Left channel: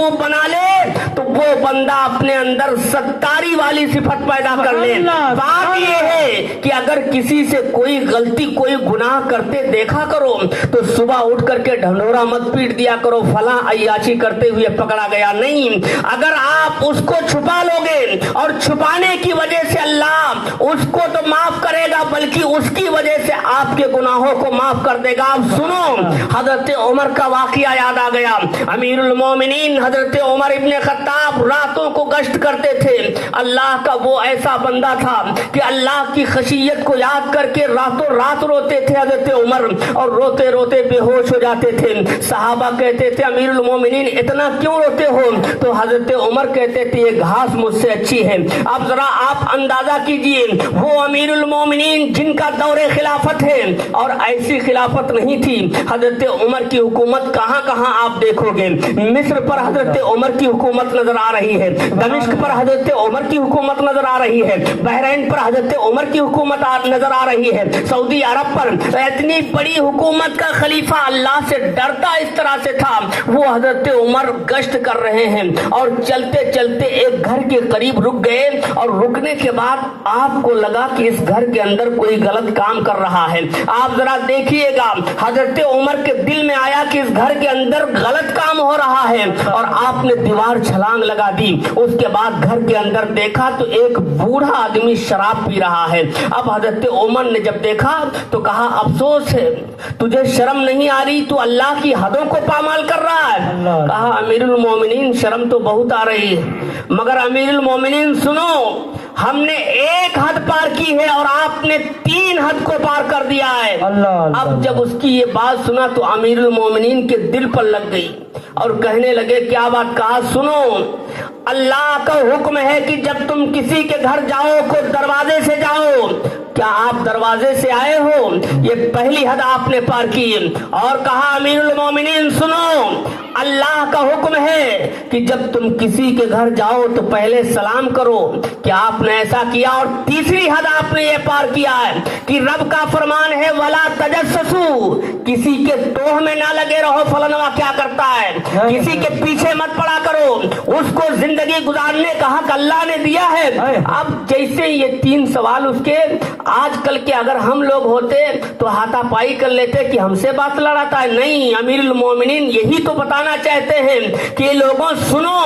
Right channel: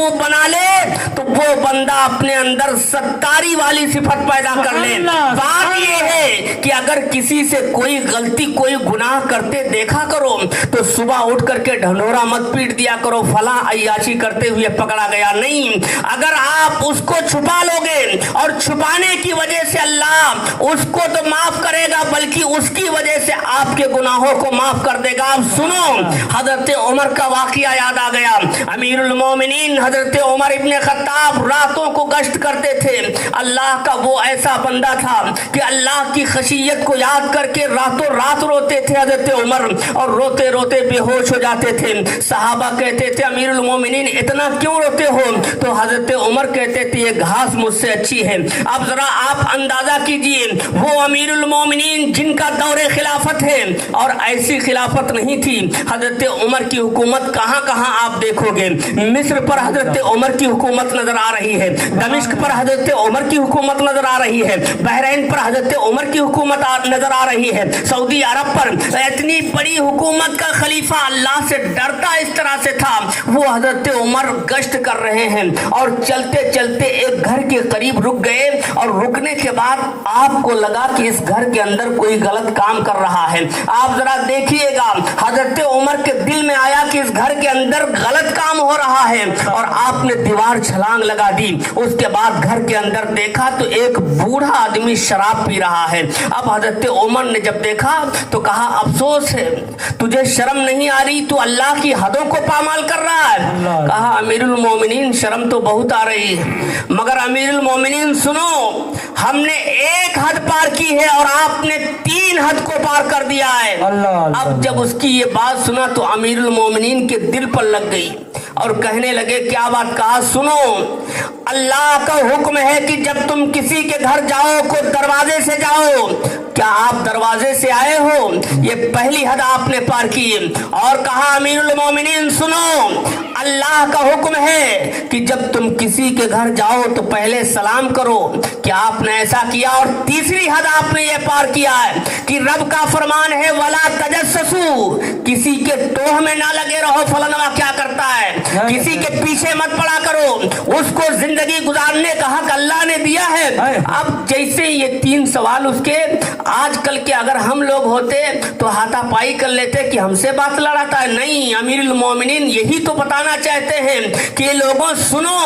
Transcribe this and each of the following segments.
महबूब बना ले तो वो बंदा अपने अंदर सत्तारी वाली सिफत पैदा कर ले। बात ये है कि अगर किसी से कोई गलती कोई गुनाह करते देखा करो तो सुबह उठ करके ढंढोरा मत पीट दिया करो फला अय्याशी करते हुए पकड़ा गया, नहीं। अगर आप उसको छुपा लोगे और छुपाने की वजह से अल्लाह उसको तो माफ करेगा बल्कि उसकी वजह से आपके गुनाहों को माफ कर देगा। आप सुनो, हजरत उमर का वाकया याद आ गया। अमीरुल मोमिनीन हजरत उमर इब्ने खत्ताब रातों को गश्त करते थे। अल्लाह का वो ऐसा बंदा था कि अल्लाह की खशियत को याद करके रातों रात रोते थे हजरत उमर, और रोते रोते बेहोश हो जाते थे। सहाबा कहते थे अमीरुल मोमिनीन इतना क्यों रोते हो? तो हजरत उमर कहते थे ये घास मुझसे अच्छी है। अब जरा आप अंदाजा कीजिए, वो अमीरुल मोमिनीन जिनका दौरे खिलाफत है, और ऐसी खिलाफत नहीं थी। हजरत उमर की हुकूमत कहाँ कहाँ आप देखोगे। मिस्र पर हजरत उमर की हुकूमत नजर आ रही है, दमिश्क पर हजरत उमर की हुकूमत नजर आ रही है, बहरीन पर हजरत उमर की हुकूमत नजर आ रही है, सऊदी अरब पर इतनी बड़ी हुकूमत का खलीफा अल्लाह से डरता इस तरह से था। वो हजरत उमर गश्त कर रहे हैं और चलते चलते एक घर के करीब रुक गए, और रुकने के बाद आपको लगा कि इस घर के अंदर कोई गलत काम कर रहा है। आप जरा देखिएगा, हजरत उमर के दिल में आया कि इस घर के अंदर गलत काम हो रहा है, और आपने दीवार छलांग लगा दी। उसके बाद घर के अंदर देखा तो एक बूढ़ा आदमी शराब पी रहा है। अब हजरत उमर ने जब देखा तो कहा अफसोस है, तुझे शर्म नहीं आ रही, तू अल्लाह की हदों को पामाल कर रहा है। कहा अमीरुल मोमिनीन शर्म तो बहुत आ रही है, मगर अमीरुल मोमिनीन सुनो, हमने एक हद पार की है और आपने 3 हद को पार कर दिया है। अब जब उसकी ये बात सुना तो अमीरुल मोमिनीन के दिल पर लग गई और कहने लगे क्या बात? कहा सुनो, अल्लाह का हुक्म है कि जब तुम किसी के घर जाओ को दरवाजे से जाओ। क्या आप दरवाजे से आए हो? ये पहली हद आपने पार की। और कहा अमीरुल मोमिनीन सुनो, अल्लाह का हुक्म है कि जब तुम किसी के घर जाओ तो पहले सलाम करो। क्या आपने ऐसा किया? और तीसरी हद आपने ये पार किया है कि रब का फरमान है वला तजस्ससू, किसी के टोह में ना लगे रहो फलनवा क्या करता है, किसी के पीछे मत पड़ा करो, उसको जिंदगी गुजारने का हक अल्लाह ने दिया है। अब जैसे ये 3 सवाल उसके, आजकल के अगर हम लोग होते तो हाथापाई कर लेते कि हमसे बात लड़ाता है। नहीं, अमीरुल मोमिनीन यही तो बताना चाहते हैं कि लोगों सुनो।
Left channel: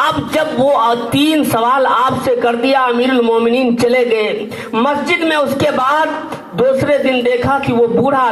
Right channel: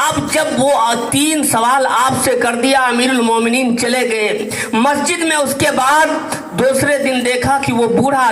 अब जब वो 3 सवाल आपसे कर दिया, अमीरुल मोमिनीन चले गए मस्जिद में। उसके बाद दूसरे दिन देखा कि वो बूढ़ा